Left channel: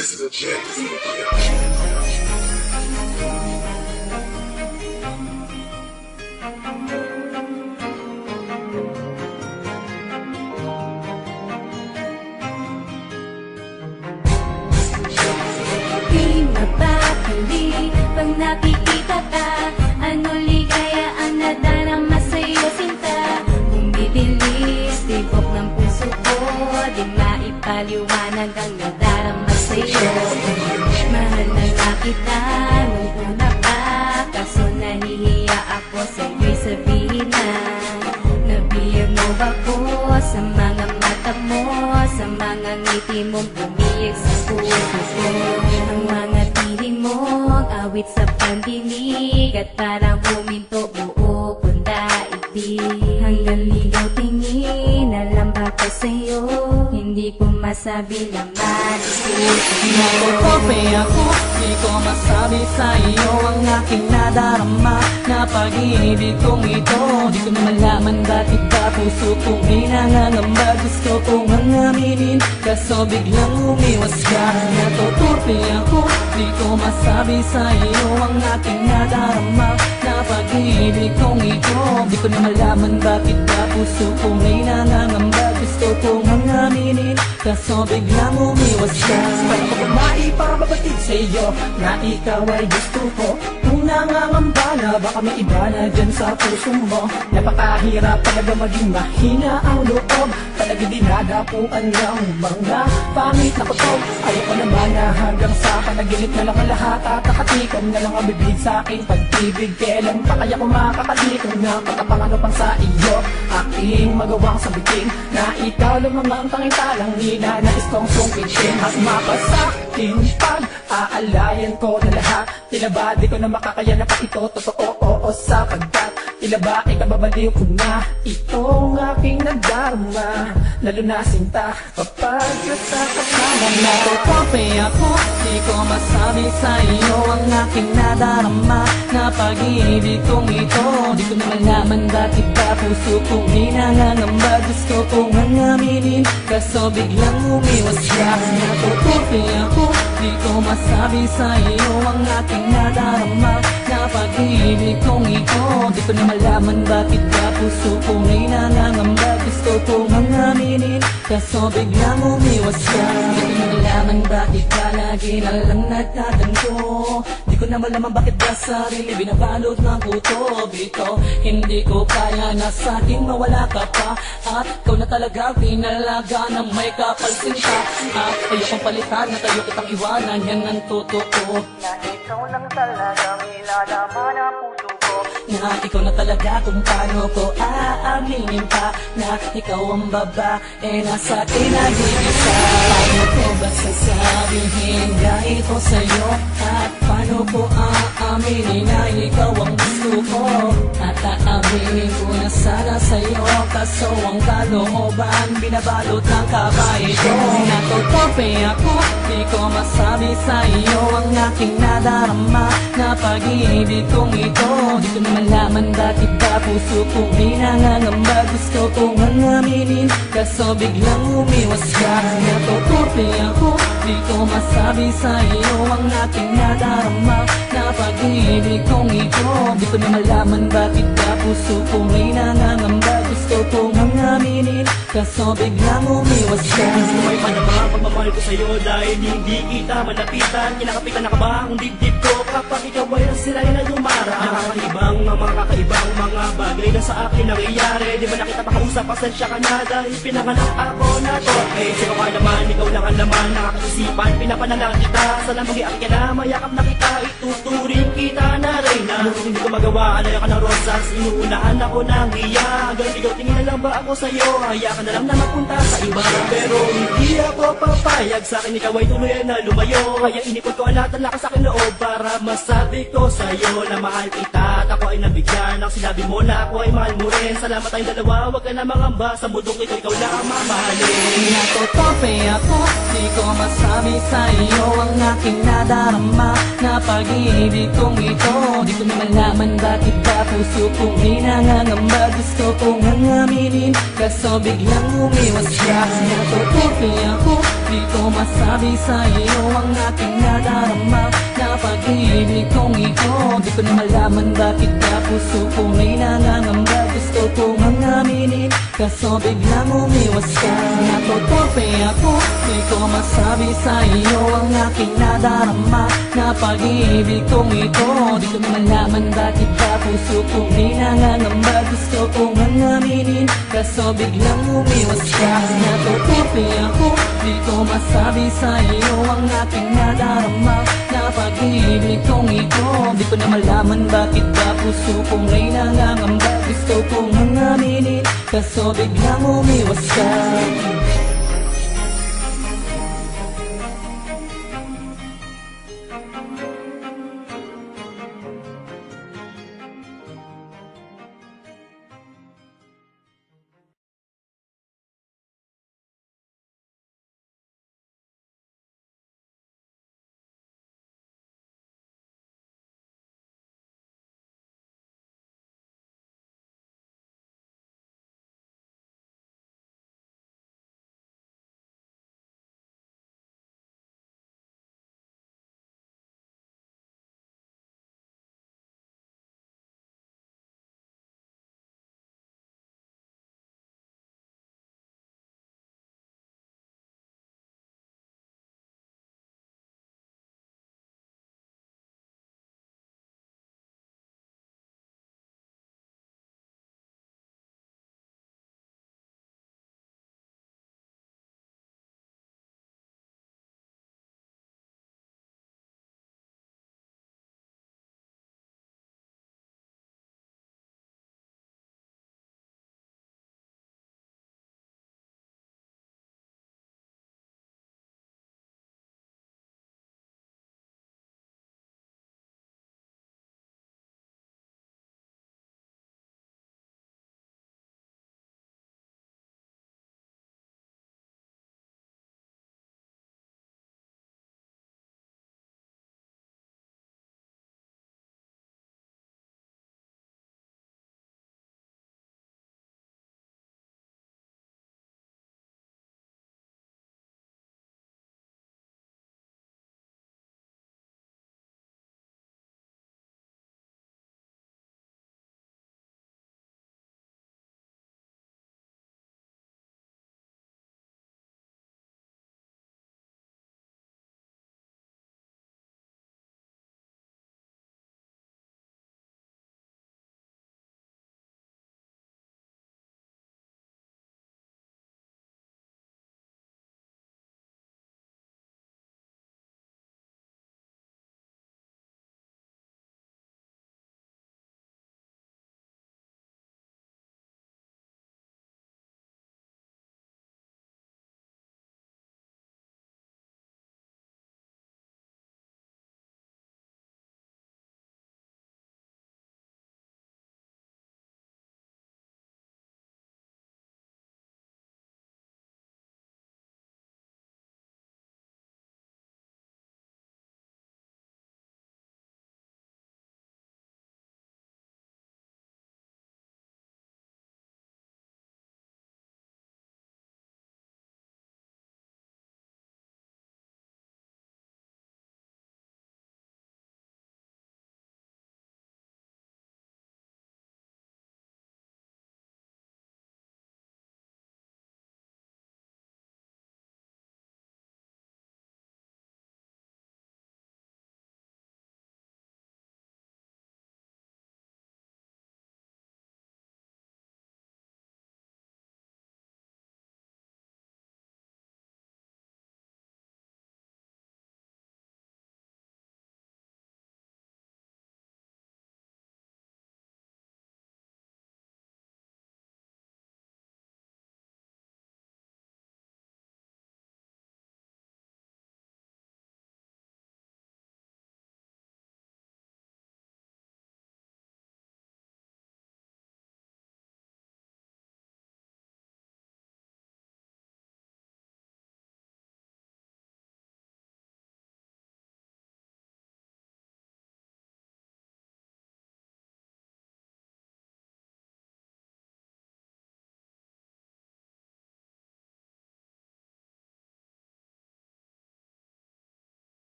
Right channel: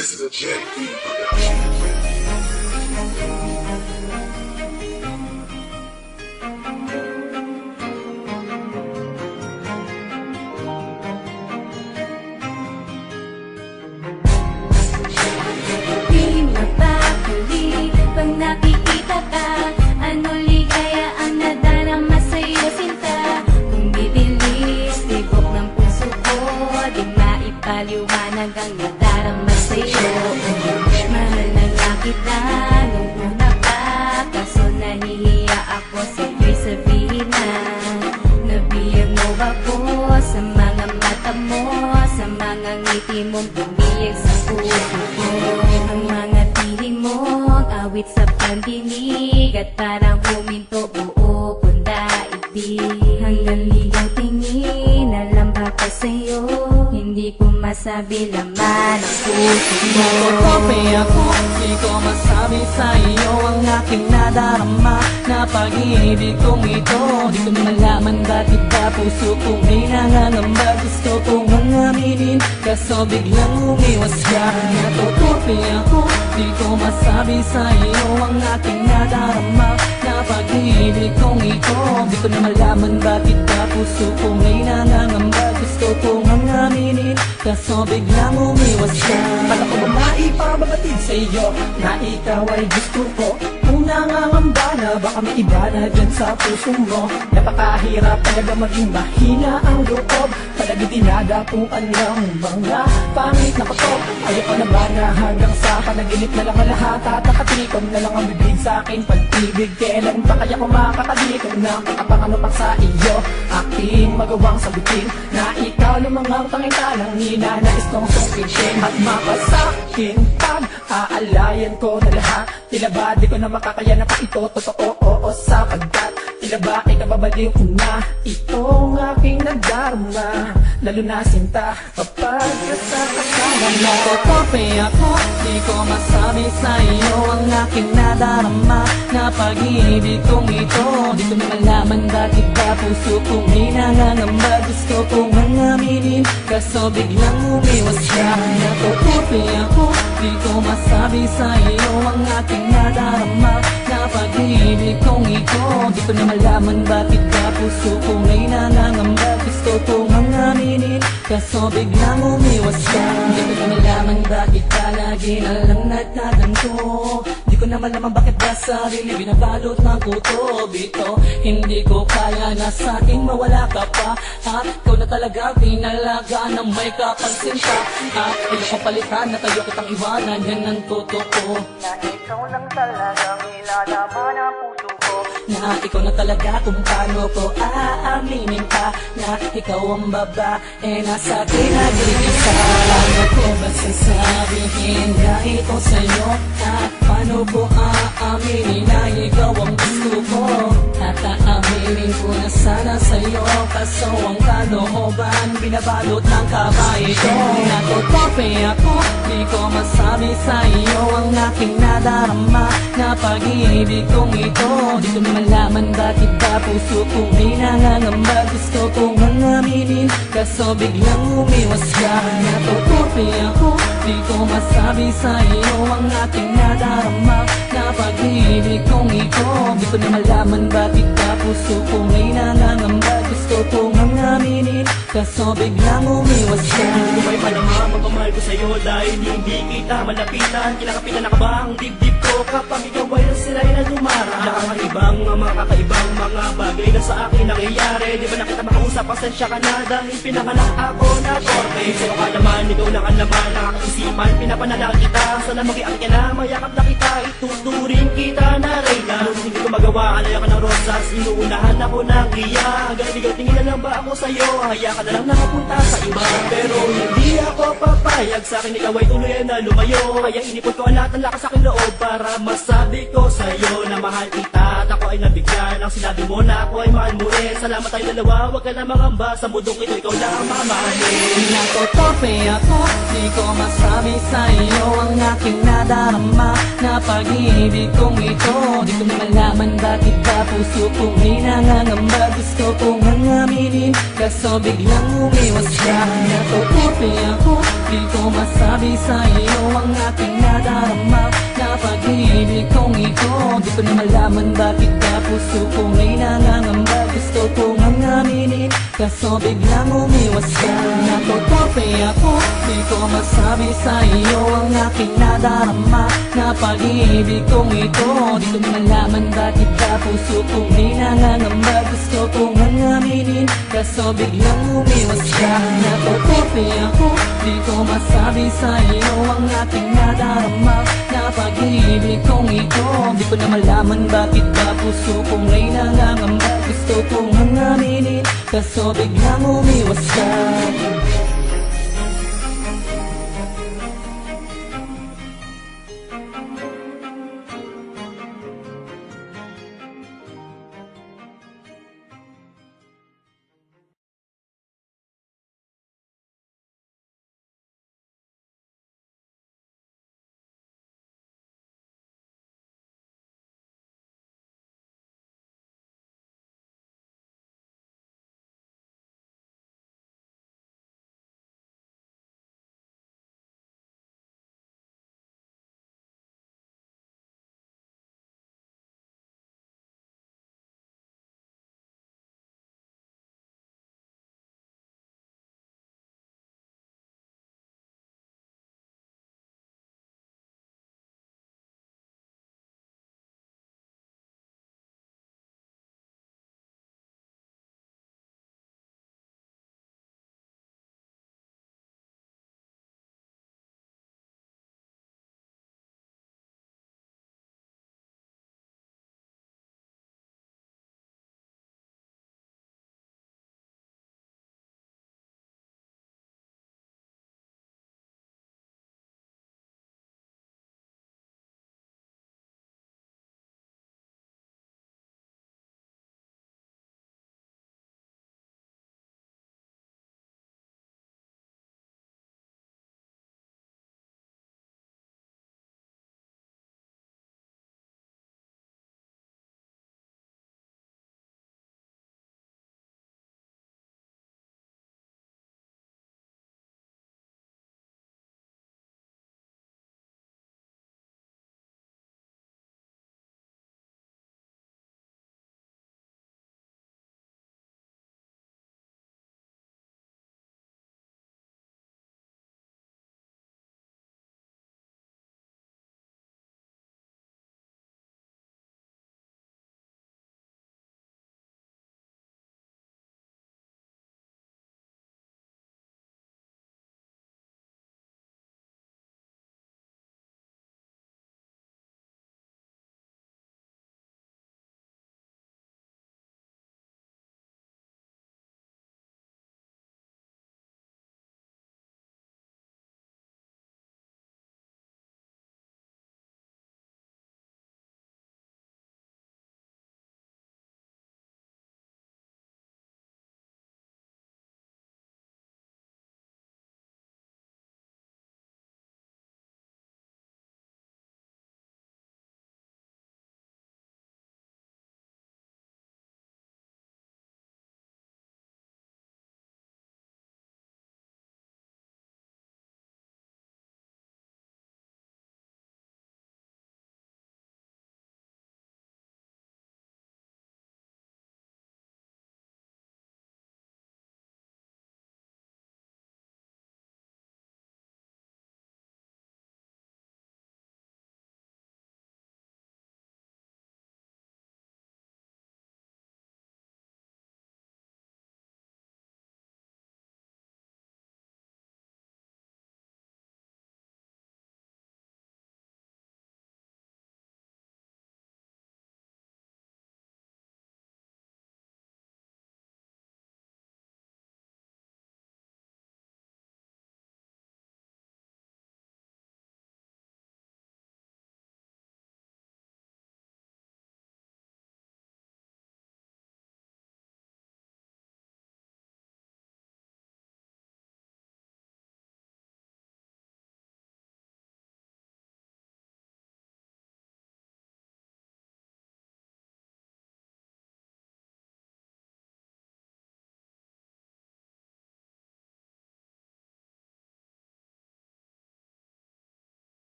This is a JV production. Di mapakali pag nakikita ka. Ano ligaya ang nadarama sa'yo, sinta. Bumibilis, tibok ng puso ko. Di maipaliwanag ang nadarama sa'yo. Mahal na nga kita nung una pa, kaso nahihiya ako sa'yo'y sabihin na nabiyag mo ako sa mga mata mo, sa mga ngiti mong bumiyag sa puso ko. Ang mga tiling mong awit sa pandinig at parang huminto buo kong daigdig. Hanggang ligaw tingin, alam ba ka sa'yo, hindi ko masabi laman ang puso mo. Nakokope ako, di ko masabi sa iyo ang aking nadarama na pag-ibig kong ito. Di ko na malaman bakit ba puso kong may nangangamba. Gusto kong aminin, kaso biglang umiwas ka. Natuturpe ako, di ko masabi sa iyo ang aking nadarama na pag-ibig kong ito. Di ko na malaman bakit ba puso kong may nangangamba. Gusto kong aminin, kaso biglang umiwas ka. Para ko maipababatid sa iyo na ikaw ay gusto ko. Kung nangangamba na baka may iba na dyan sa puso mo. Napakahirap talaga maging mahina ang loob. Palagi dinadapuan ng mga pangit na kutob. Ayoko na ba na hanggang sa panaginip na lang ang lahat at nakatikom na lang ang bibig sa akin pag-ibig. Kailan pa kaya ko makakalimutan na pagkapangano pang sa iyo aking magawang sabitin na ikaw lumamang pangitanang hinanais kong sungkitin at mapasakin pag aalayan ko na lahat. Tila ba di ko na makakaya na pa ito totoo oo sapagkat tila ba ikababalik ko na itong aking nadarama lalo na sinta kapag sa kasama na. Natutope ako, di ko masabi sa iyo ang aking nadarama na pag-ibig kong ito. Di ko na malaman bakit ba puso kong may nangangamba. Gusto kong aminin, kaso biglang umiwas ka. Natutope ako, di ko masabi sa iyo ang aking nadarama na pag-ibig kong ito. Di ko na malaman bakit ba puso kong may nangangamba. Gusto kong aminin, kaso biglang umiwas ka. Di ko na malaman bakit ba lagi na lang nagtatanto. Di ko na malaman bakit ba sarili binabalot ng puto dito. Hindi ko kaya na sa ating mawala ka pa. Ikaw na talaga pinalaga ng may kapansin ka. Ayokong palitan na tayo kitang iwanan, yan ang totoo. Na ikaw lang talagang ilalaman ang puso ko. Na ikaw na talaga kung paano ko aaminin ka. Na ikaw ang babae na sa pinag-ibig ka. Paano ko ba sasabihin na ito sa'yo? At paano ko aaminin na ikaw ang gusto ko? At aaminin ko na sana sa'yo, kaso ang kalooban binabalot ng kabayan ko. Natutope ako, di ko masabi sa iyo ang aking nadarama na pag-ibig kong ito. Di ko na malaman bakit ba puso kong may nangangamba. Gusto kong aminin, kaso biglang umiwas ka. Natuturpe ako, di ko masabi sa iyo ang aking nadarama na pag-ibig kong ito. Di ko na malaman bakit ba puso kong may nangangamba. Gusto kong aminin, kaso biglang umiwas ka. Hindi ko madama pagmamahal ko sa'yo dahil hindi kita malapitan. Kinakapitan na ka ba ang dibdib ko kapag ikaw ay nasiray na tumara? Nakakalibang ang mga kakaibang mga bagay na sa akin nangyayari. Di ba na kita makausap, pasensya ka na dahil pinangalan ako na torpe. Sa'yo kaya man, ikaw lang ang laman nakakasipan. Pinapanalang kita, sana mag-iang ka na, mayakap na kita. Ituturing kita na rin na hindi ko magawa, alayo ka ng rosas. Inuunahan ako ng riya. Hanggang tingin lang ba ako sa'yo? Kaya ka na lang na napunta sa iba. Pero hindi ako papayag, sa akin ikaw ay tuloy na lumayo. Kaya inipon ko lahat ang lakas sa akin loob para masabi ko sa'yo na mahal kita. At ako ay nabigyan ng sinabi mo na ako ay mahal mo rin. Salamat tayo dalawa, huwag ka lamang amba. Sa bundok ito ikaw lang ang mamahalin. Natutope ako, di ko masabi sa iyo ang aking nadarama na pag-ibig kong ito. Di ko na malaman bakit ba puso kong may nangangamba. Gusto kong aminin, kaso biglang umiwas ka. Natutope Natutupi ako, di ko masabi sa iyo ang aking nadarama na pag-ibig kong ito. Di ko na malaman bakit ka puso kong may nangangamba. Gusto kong aminin, kaso biglang umiwas ka. Natutupi ako, di ko masabi sa iyo ang aking nadarama na pag-ibig kong ito. Di ko na malaman bakit ka puso kong may nangangamba. Gusto kong aminin, kaso biglang umiwas ka. Natutupi ako, di ko masabi sa iyo ang aking nadarama na pag-ibig kong ito. Di ko na malaman bakit ba puso kong may nangangamba. Gusto kong aminin, kaso biglang umiwas ka.